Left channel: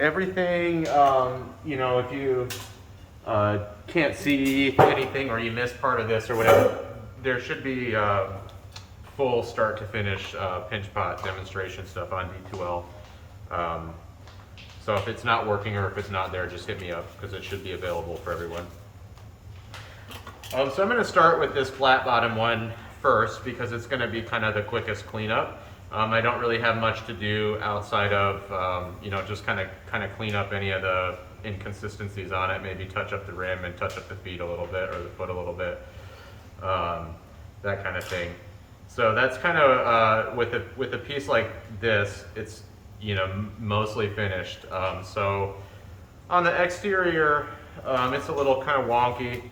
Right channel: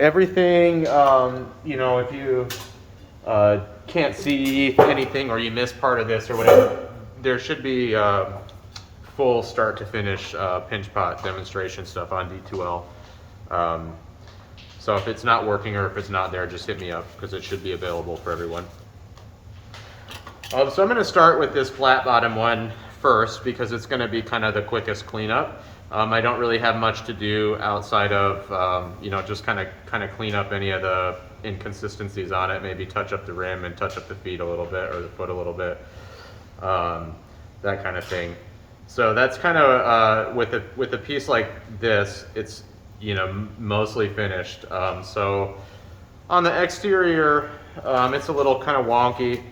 everything, you know, if you can't see anything or you miss part of this or whatever, there should be full start to finish pinch pot demonstration stuff on D2L. So if it's not working or if it's not there, just hit me up because it should be available for everyone. So I'm going to start with this flat bottom one first because it's going to be kind of the quickest cleanup. I don't really have much to do outside of, you know, just kind of clean up any of the inconsistencies on it, maybe touch up the rim and touch up the feet a little bit or the foot a little bit, that kind of thing. So that's kind of, with a piece like this, it's, you know, mostly finished. So on the exterior, it's a little kind of wonky.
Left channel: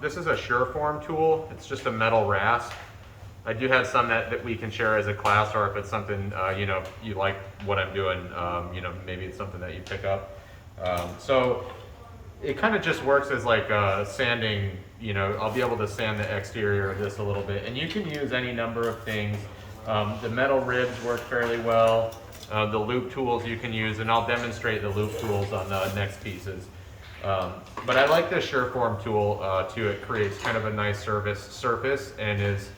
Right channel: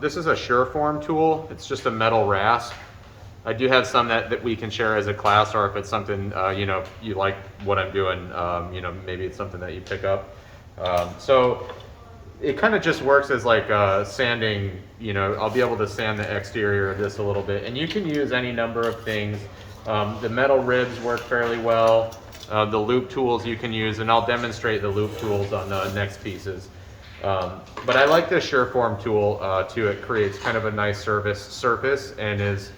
This is a Sureform tool. It's just a metal rasp. I do have some that we can share as a class, or if it's something, you know, you like what I'm doing, you know, maybe it's something that you pick up. So it kind of just works as like sanding, you know, I'll be able to sand the exterior of this a little bit. And you can use any number of things. The metal ribs work fairly well. The loop tools you can use, and I'll demonstrate the loop tools on the next pieces. But I like this Sureform tool too. It creates kind of a nice surface and is,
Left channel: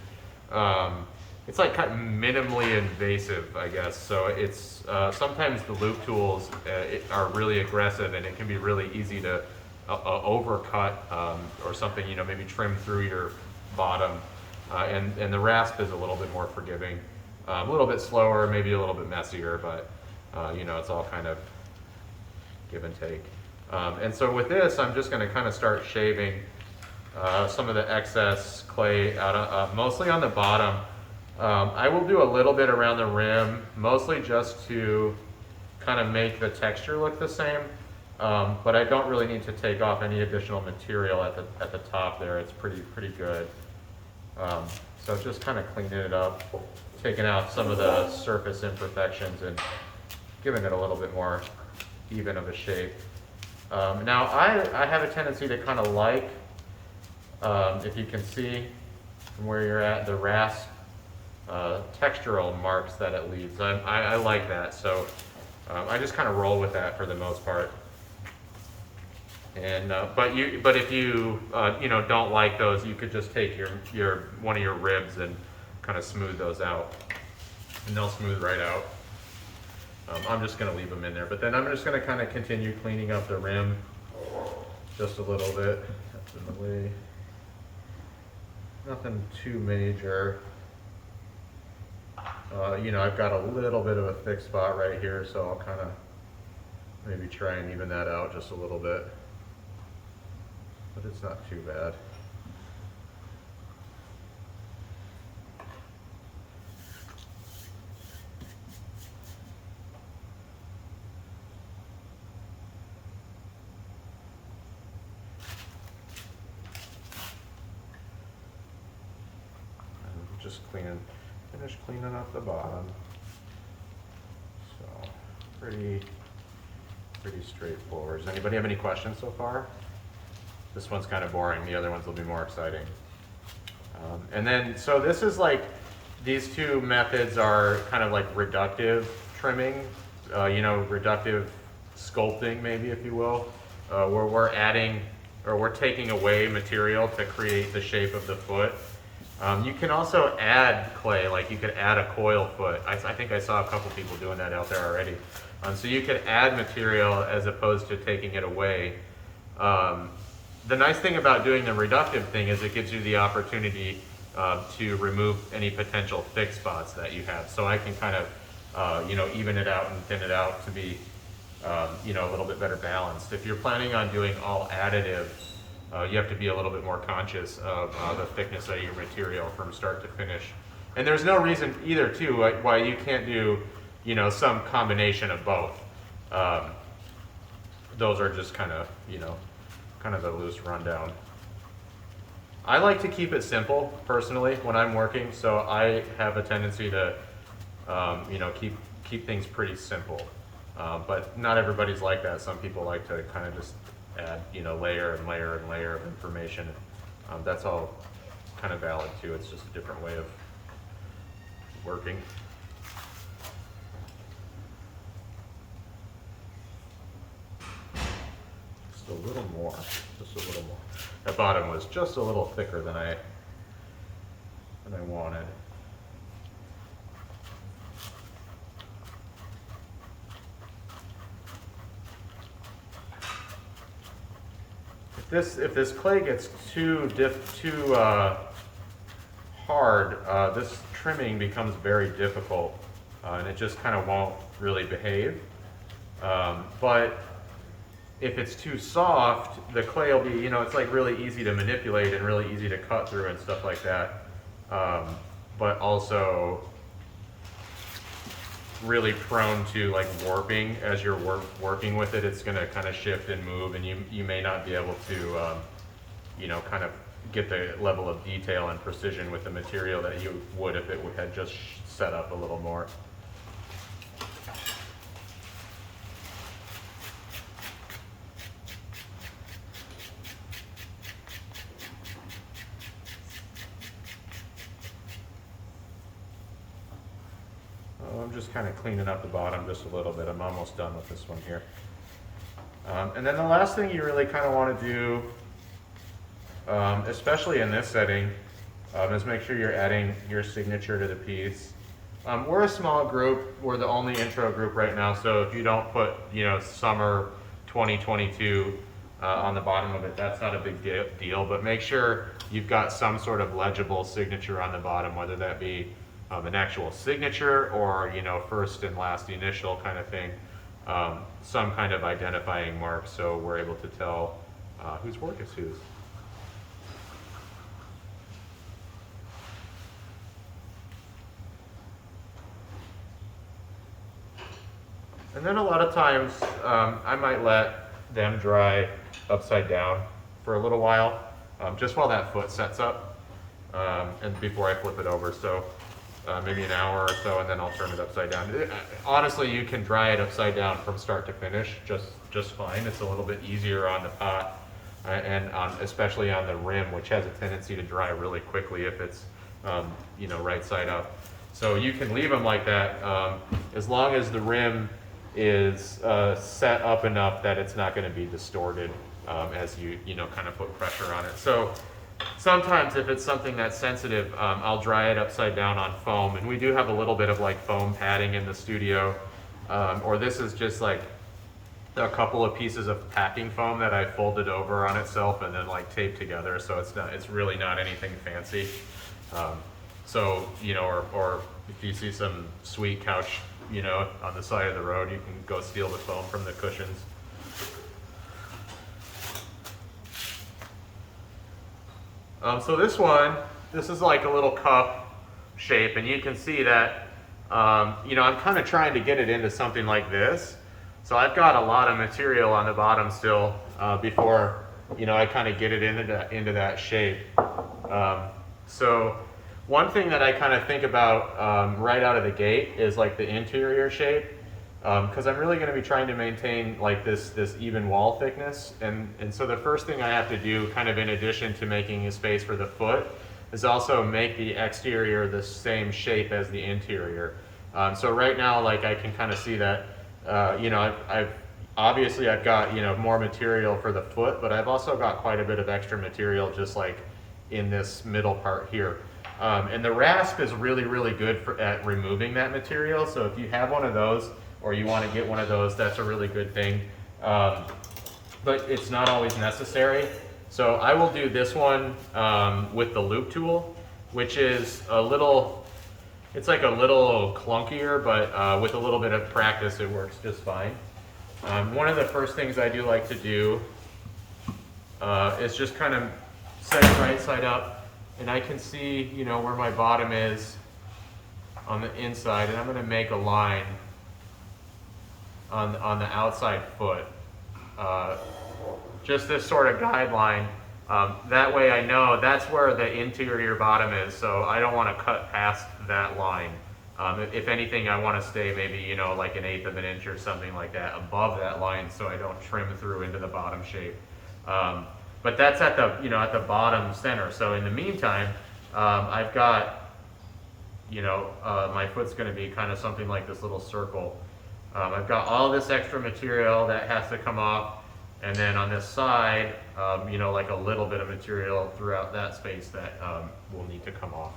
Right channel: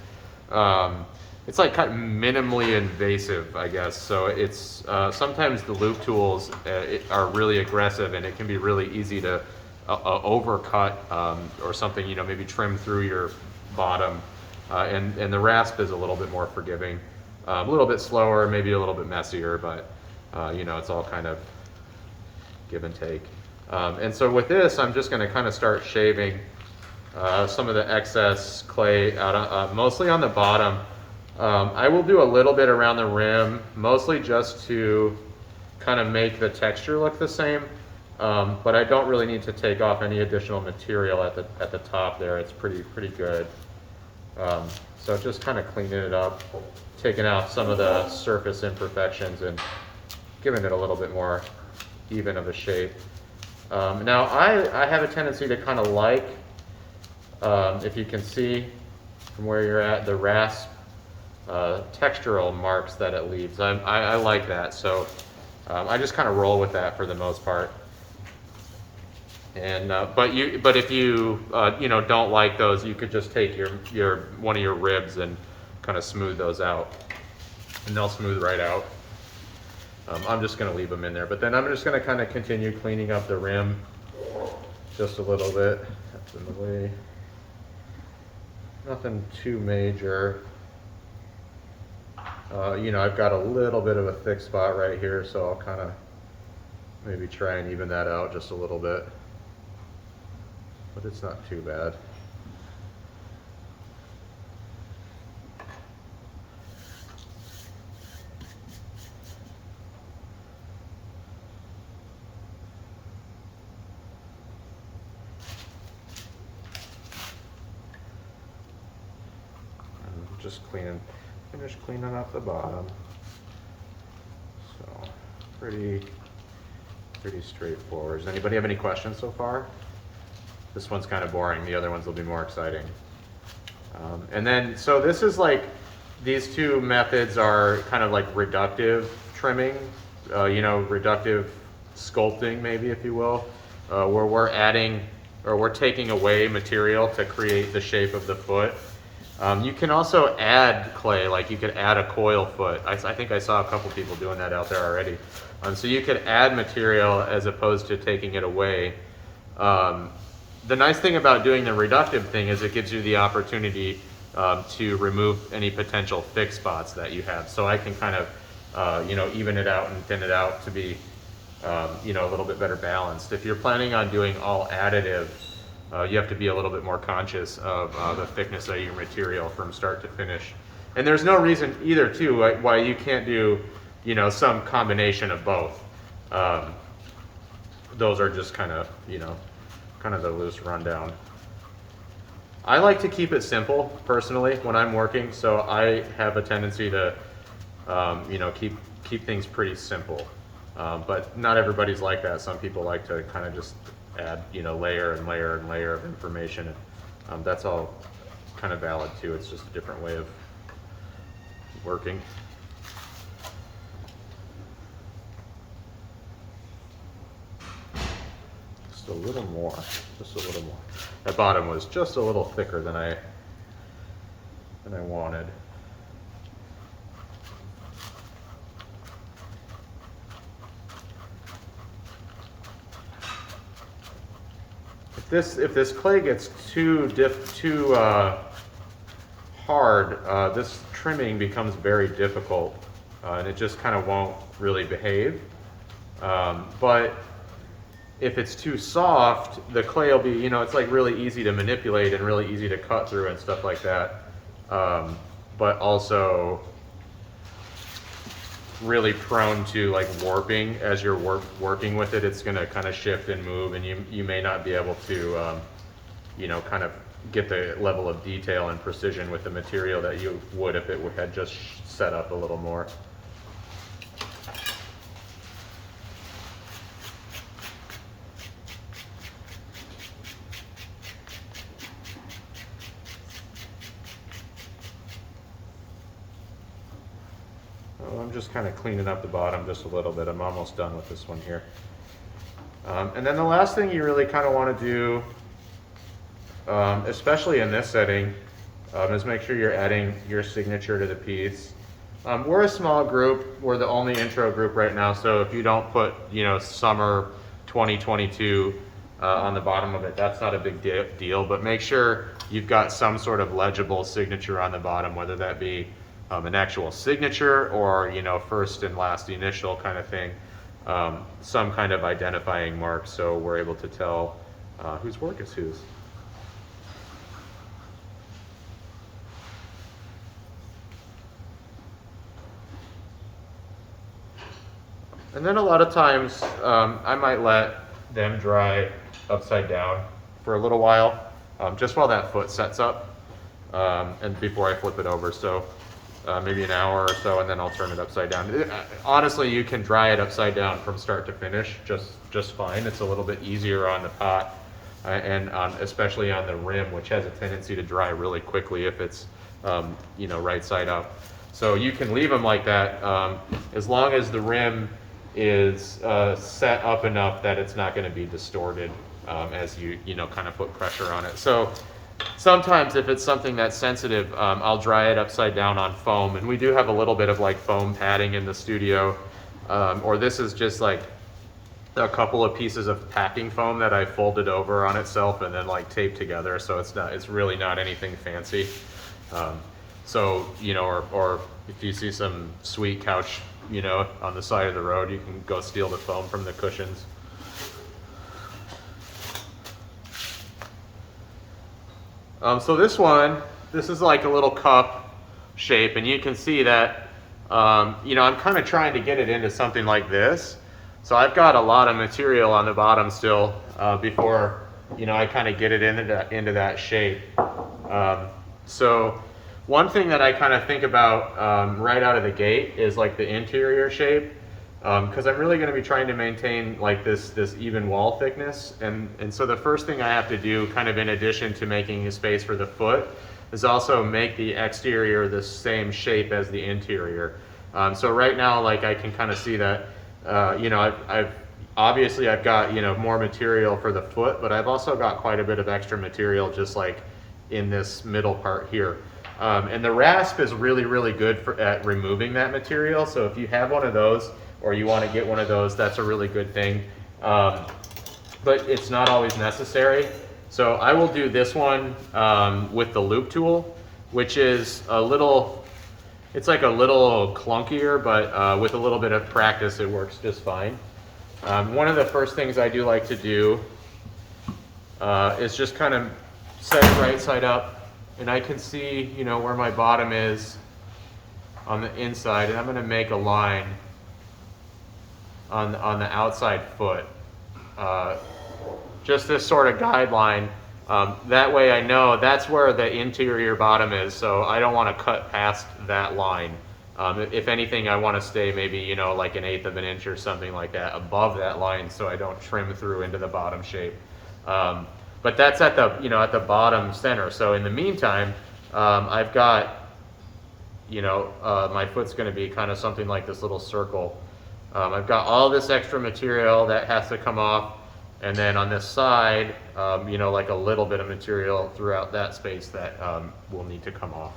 it's like kind of minimally invasive, I guess. So it's, sometimes the loop tools are really aggressive and it can be really easy to overcut or something, you know, maybe trim through your bottom. And the rasp is a little bit more forgiving, a little bit slower, maybe a little bit messier, but you know, it's all kind of give and take. And so with this, I'm just going to kind of start shaving some of the excess clay out, mostly on the bottom. I will do a little bit around the rim, mostly just to kind of make the texture look the same. But I don't really need to take off any additional material at the top there. It's pretty good. So just kind of cleaning it up, taking out some of the surface imperfections and giving it a little bit more even of a shape. Now I have a tendency to kind of like, if you can see from where you're at, the rasp textural marks that it leaves. I like that, so I just kind of roll with that for the most part. And but if you you know, don't like those, you could just take your one of your ribs and kind of smooth those out, and they'll smooth right out. I'm just going to leave them in there, but then I'm just going to kind of continue cleaning up the rim just a little bit. That's in the way. Nothing too major. You know, I've got a little bit of a thick spot right here, so I'll kind of maybe try and even that out just a little bit. But it's not too bad. Just finish cleaning up the bottom. So pretty straightforward. Does anybody have any questions so far? This one's kind of boring. The other ones will be more exciting. And then, so this is like, these two methods are kind of like reductive trimming, you know, reductive sculpting, maybe, if you will, where we're adding, or we're taking away material to create the shape of the foot. You can also add clay, like you could add a coil foot. I think I saw a couple people doing that out there already. So you could add material as opposed to taking it away. The nice thing about doing the reductive thing is it gives you the opportunity to remove any potential thick spots that you have. So I can kind of, you know, even it out and thin it out to be, you know, a little bit better balanced. If you're planning on doing all additive, you have to be a little bit more conscious of the thickness of your material from start to finish. And there's no reason either, too, why you can't do, you know, some combination of both. Those are just kind of, you know, kind of the loose rundown. I like to keep it simple personally when I'm working, so I have a tendency to, you know, keep things pretty simple. But not everybody's like that. Some people like to kind of just add, you know, layer and layer and layer of information. That's all kind of valid too. It's just a different way of working. just a little more, just a little more. The bottom was just a little thicker than I wanted. If this clay gets too hard, this trimming becomes very difficult, and it just kind of won't really behave. But if it's too soft, the clay will be, you know, it's like really easy to manipulate and really easy to cut through and stuff like that. But also really prone to like warping. As you're warping with it, it's going to kind of shift and move, and you may not be able to, you know, kind of get the level of detail and precision with the material that you would if it had just set up a little more. I'm just kind of cleaning up the bottom just a little bit. I'm almost done with this one here. And then the last thing you really kind of want to do, especially in this setting, is make sure you're adding your signature to the piece. We're a small group. We're the only intro group right now, so if you don't put, you know, summer 2022 on the bottom of it, that's not a big deal, but make sure you've got some sort of legible signature on the bottom, whether that be an actual signature or, you know, first and last initial kind of thing, some kind of identifying mark so we're able to tell whose work is whose. And then a lot of times I might let them dry upside down for a little while, just while that foot sets up, and before I flip it over. So maybe an hour or so, and then I'll turn it upside down. Honestly, you can dry it upside down from start to finish just fine. It's a little bit easier on the pot, and especially on the rim, which has a tendency to dry really quickly if it's you know, right side up. So you can leave them like that as long as the rim is set up enough that it's not going to be distorted as you know, kind of put pressure on it. So sometimes if it's something that's sensitive, I'll dry it upside down on foam, and we do have a little bit of like foam padding in the studio, or this is just like a couple of pieces of packing foam that I folded over on itself and then like taped together, so it's really not anything fancy. So, you know, or if you see some sweet couch, you know, on the side of the road, you can go steal the foam from the cushions. So this is like a little cup shape, and you can see that, you know, I'm kind of trying to get it into something like this. So I've got a lot of material on the bottom still before, you know, I kind of get it into that shape. So one thing that I kind of think about right out of the gate is like the interior shape, because I'm really going to be trying to maintain like this even wall thickness, and so the first thing I have to do, kind of in addition to making a space for the foot, is also make the exterior the same shape as the interior. So right now, like, I can kind of see that, you know, I've obviously got, you know, more material for the foot, but I've also got quite a bit of extra material just like in this middle part here. And the Rasp is really, really good at removing that material. So if you have one of those, or you want to get one of those, that's a really good thing. But it's not always necessary. So I will do this one with the loop tool, which is a little, it's like a little clunkier, but with a little bit of practice, it works just fine. One of the first things I do like to do is just kind of set it right side up, and I can see, you know, where my bottom is on the inside, and I'm going to make a line on the outside foot. Just this sort of guideline. That way I know that's where the interior bottom is, so I don't want to cut past that line. If anything, I want to stay maybe, you know, like 1/8 of an inch or something like that above that line, so I don't trim through into the bottom shape. But that's at the, you know, at the bottom center. So in the meantime, I've got, you know, my foot's going to be kind of something like this little circle. I've got all this extra material that has to come off, And then on this side, you know, like a little bit of material throughout that space that will need to come off.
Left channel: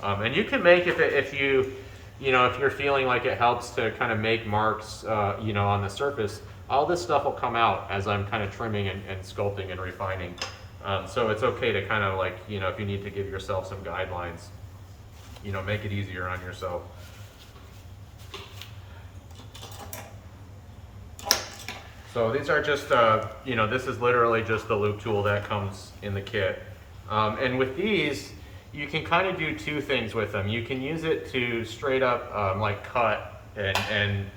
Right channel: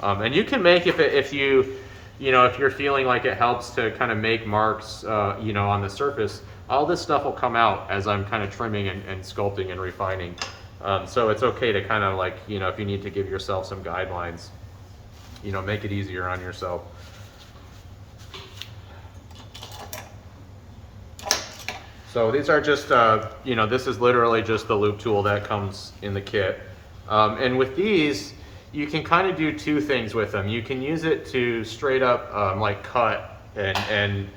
And you can make, if you're feeling like it helps to kind of make marks, you know, on the surface, all this stuff will come out as I'm kind of trimming and sculpting and refining. So it's okay to kind of like, you know, if you need to give yourself some guidelines, you know, make it easier on yourself. So these are just, you know, this is literally just the loop tool that comes in the kit. And with these, you can kind of do two things with them. You can use it to straight up like cut, and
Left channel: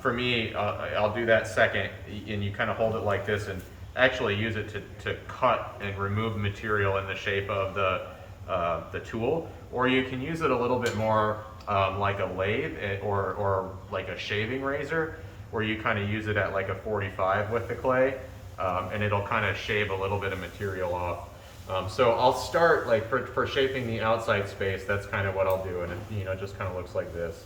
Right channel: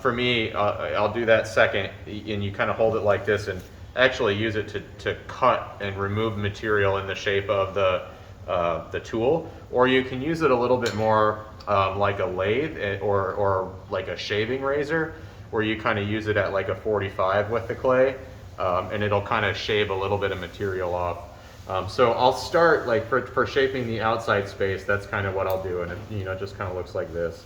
for me, I'll do that second, and you kind of hold it like this and actually use it to cut and remove material in the shape of the tool. Or you can use it a little bit more like a lathe or like a shaving razor, where you kind of use it at like a 45 with the clay, and it'll kind of shave a little bit of material off. So I'll start like for shaping the outside space, that's kind of what I'll do, and it, you know, just kind of looks like this.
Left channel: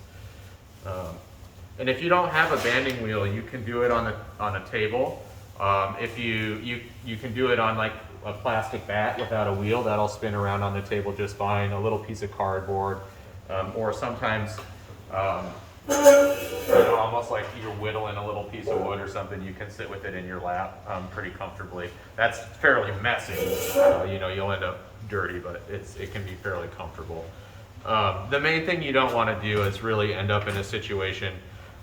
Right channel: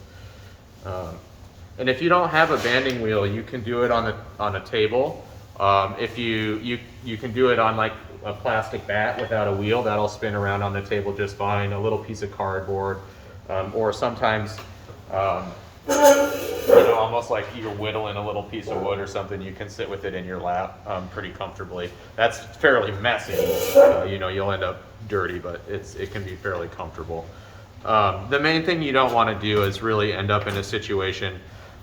And if you don't have a banding wheel, you can do it on a table. If you can do it on like a plastic bat without a wheel, that'll spin around on the table just fine. A little piece of cardboard, or sometimes you know, almost like you're whittling a little piece of wood or something, you can sit with it in your lap pretty comfortably. That's fairly messy. You know, you'll end up dirty, but it can be fairly comfortable. The main thing you don't want to do is really end up in a situation,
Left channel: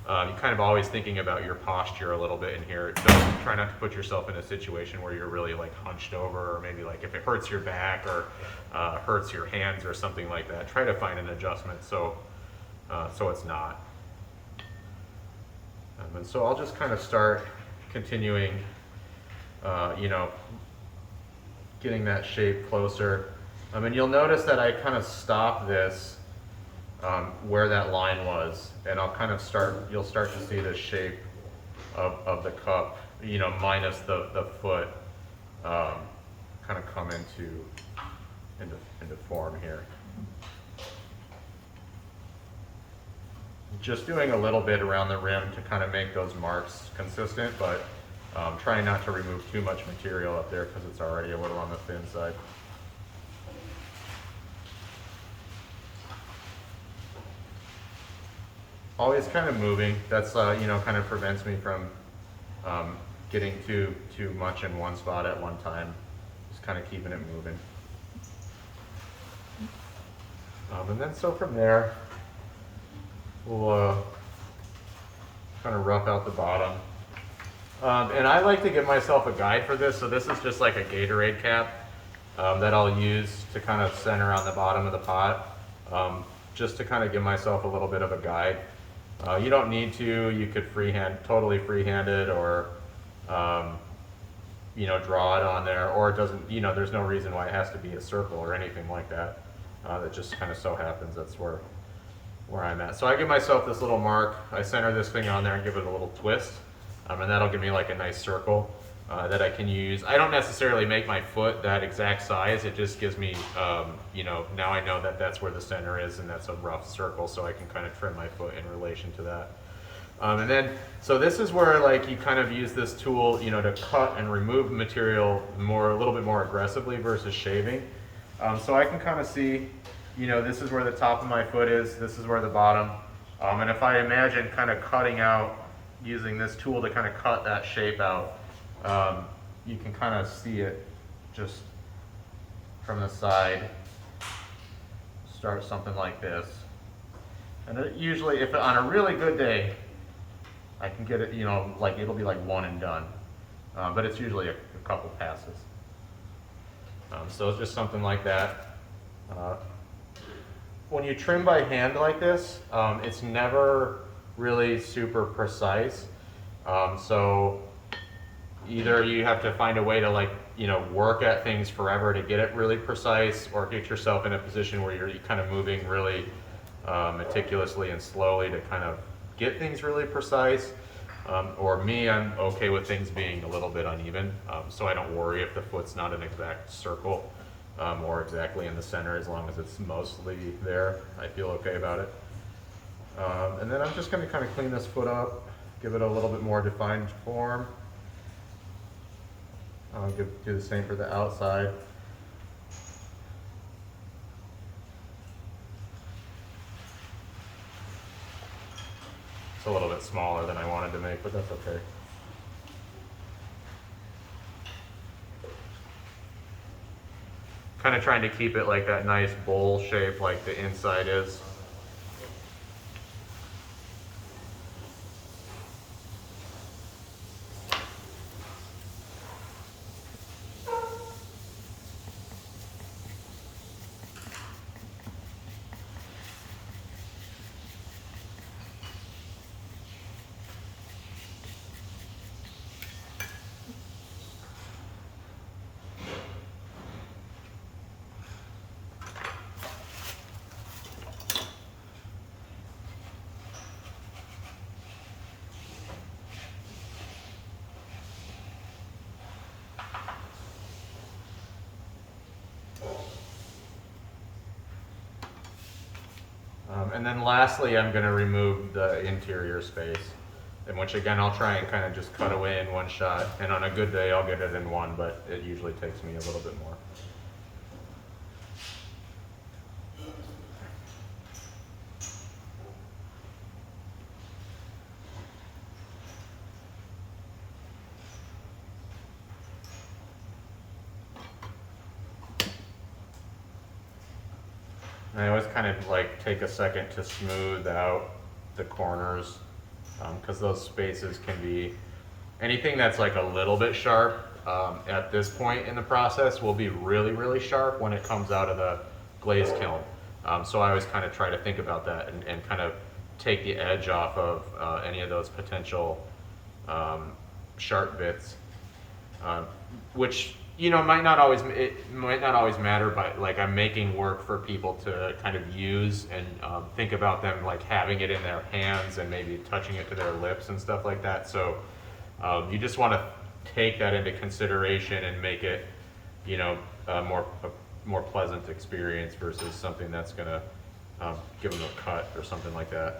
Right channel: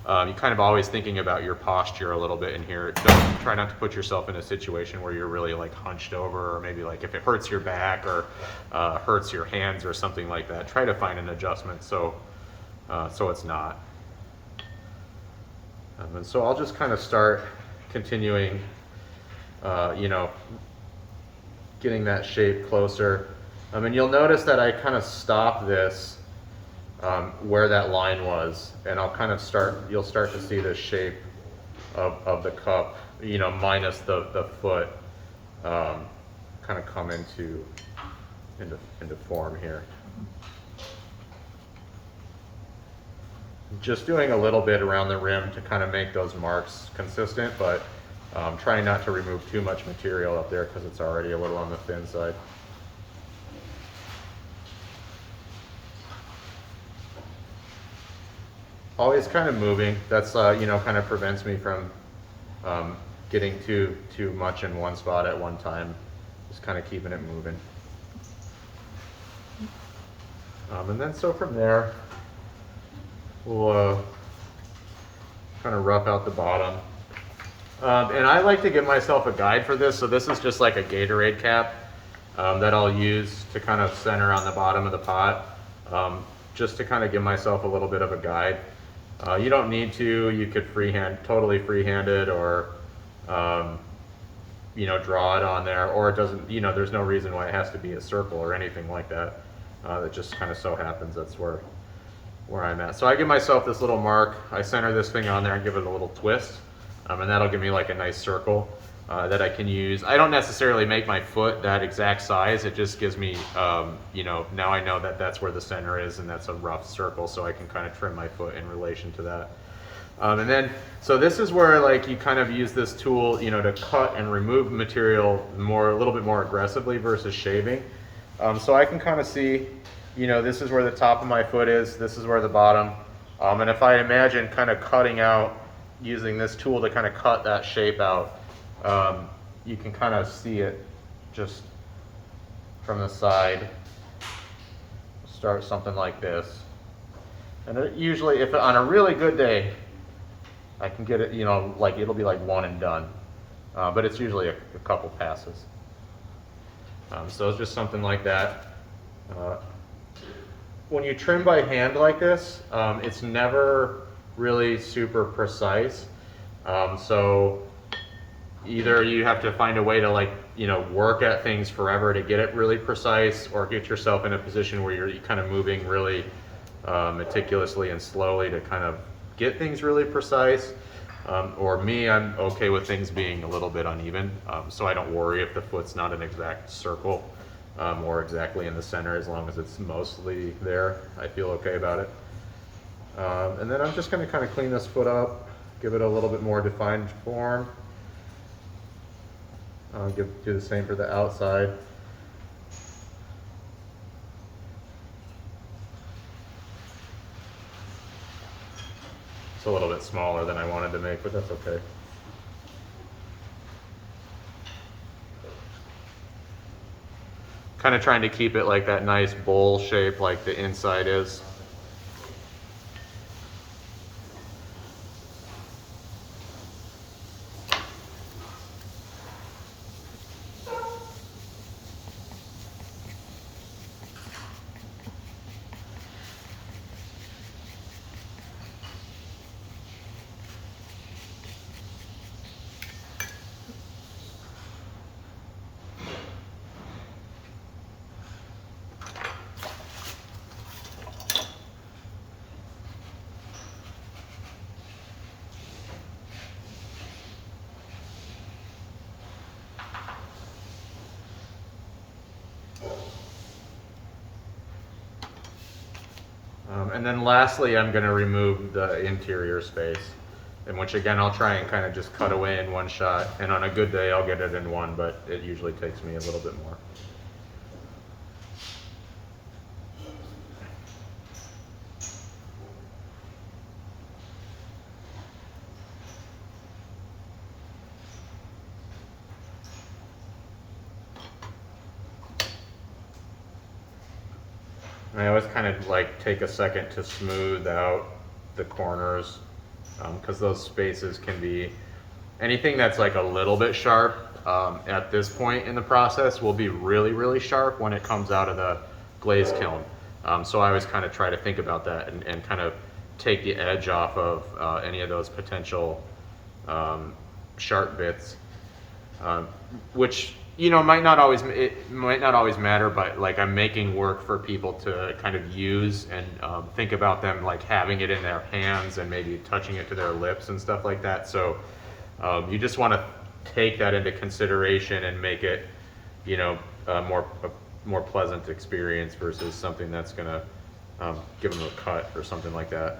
you're kind of always thinking about your posture a little bit in here. Try not to put yourself in a situation where you're really like hunched over, or maybe like if it hurts your back or hurts your hands or something like that. Try to find an adjustment so it's not. And so I'll just kind of start continuing, you know, getting that shape closer. And you'll notice that I kind of stop this where that line was, and I'll kind of you'll start to see the shape of the cup, you know, minus the foot, kind of come into form here. Just doing a little bit around the rim to kind of make those marks consistent, but trying not to remove too much material up there because it's already a little on the thin side. Always kind of moving. That's you know, kind of prevents me from getting too much in one spot at one time. Just kind of keeping it moving. And then so from there, we'll kind of rough out the bottom. And I like to give myself a guide for this. So this is just like a Gatorade cap that I'll use to kind of center on the bottom of the pot, just to kind of give myself a little bit of a guide. You don't need to. You could totally freehand it, or you know, draw it on there, or it doesn't. You know, there's no reason why it has to be a circle or anything like that. That just kind of so happens that's where I'm at. So I give myself this little mark. I center this thing on there and give it a little twist, and that'll give me like a nice circle that I can use. I don't necessarily make my foot that exact size. It just gives me, you know, now I know that that's where the center is, and that's a rough circle, so I can kind of trim my foot in relation to that. And then, so this is where like you kind of use this tool, you know, to cut and remove material a little bit more aggressively versus shaving. So I can kind of see, you know, this is where the top of my foot is, this is where the bottom. And if I imagine kind of cutting out, using this tool to kind of cut that shape out, you can kind of see it just from the side. Start something like this. And it usually, if on a really good day, I can get it, you know, like it'll be like one and done. But it's usually a couple passes. So it's just something like that. When you trim by hand like this, it's never really super precise. So either you have to find a way to, like, you know, work at things forever to get it really precise, or get yourself in a position where you're kind of moving really meticulously and slowly to kind of get things really precise. Or me, I'm okay with things being a little bit uneven, so I don't worry if the foot's not an exact circle or exactly in the center. As long as it's mostly there, I feel okay about it. And then I'm just going to kind of clean this foot up, give it a little bit more defined form. I'll do the same for the outside. It's a little bit smaller than I wanted to make, but that's okay. Kind of trying to keep it like that nice bowl shape like the inside is. And then lastly, I'm going to remove the interior space, in which again, I'll try and kind of just cut away in one shot. And on a good day, I'll get it in one, but it usually takes me a little bit more. I always kind of like take a second to smooth out the corners, because those spaces can be, anything that's like a little bit sharp at this point in the process will be really, really sharp when it comes out of the glaze kiln. So I always kind of try to think about that and kind of take the edge off of any of those potential sharp bits, which, you know, it might not always matter, but like I'm making work for people to kind of use and think about them like having it in their hands and maybe touching it to their lips and stuff like that. So you just want to take that into consideration and make it, you know, a more pleasant experience versus something that's gonna give them a cut or something like that.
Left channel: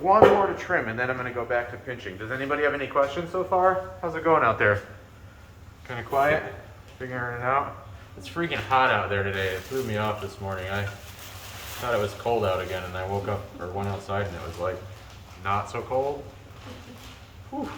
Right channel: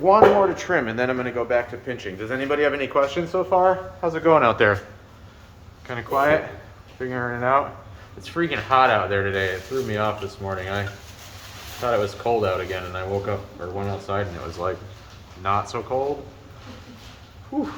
One more to trim, and then I'm going to go back to pinching. Does anybody have any questions so far? How's it going out there? Kind of quiet? Figuring it out? It's freaking hot out there today. It threw me off this morning. I thought it was cold out again, and I woke up or went outside, and it was like not so cold. Whew.